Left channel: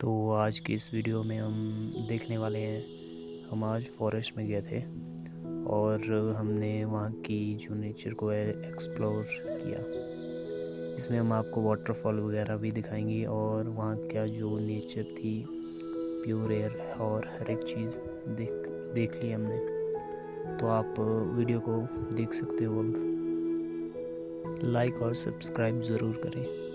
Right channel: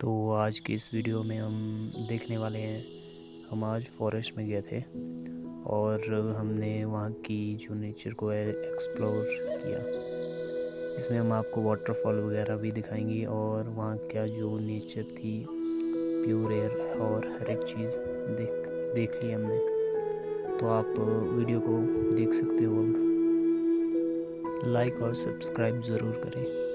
तो आज की इस वीडियो में हम देखने वाले हैं। हम आज फॉरेस्ट में गए थे और हमने वहाँ की जो नेचर को एक्सप्लोर किया। इसमें हम आपको वाटरफॉल वगैरह भी दिखाएंगे और वहाँ का जो नेचर थी, प्योर एयर और हर एक चीज़ देख ली हमने। तो आप वीडियो को देख सकते हो और लाइक और सब्सक्राइब ज़रूर करें।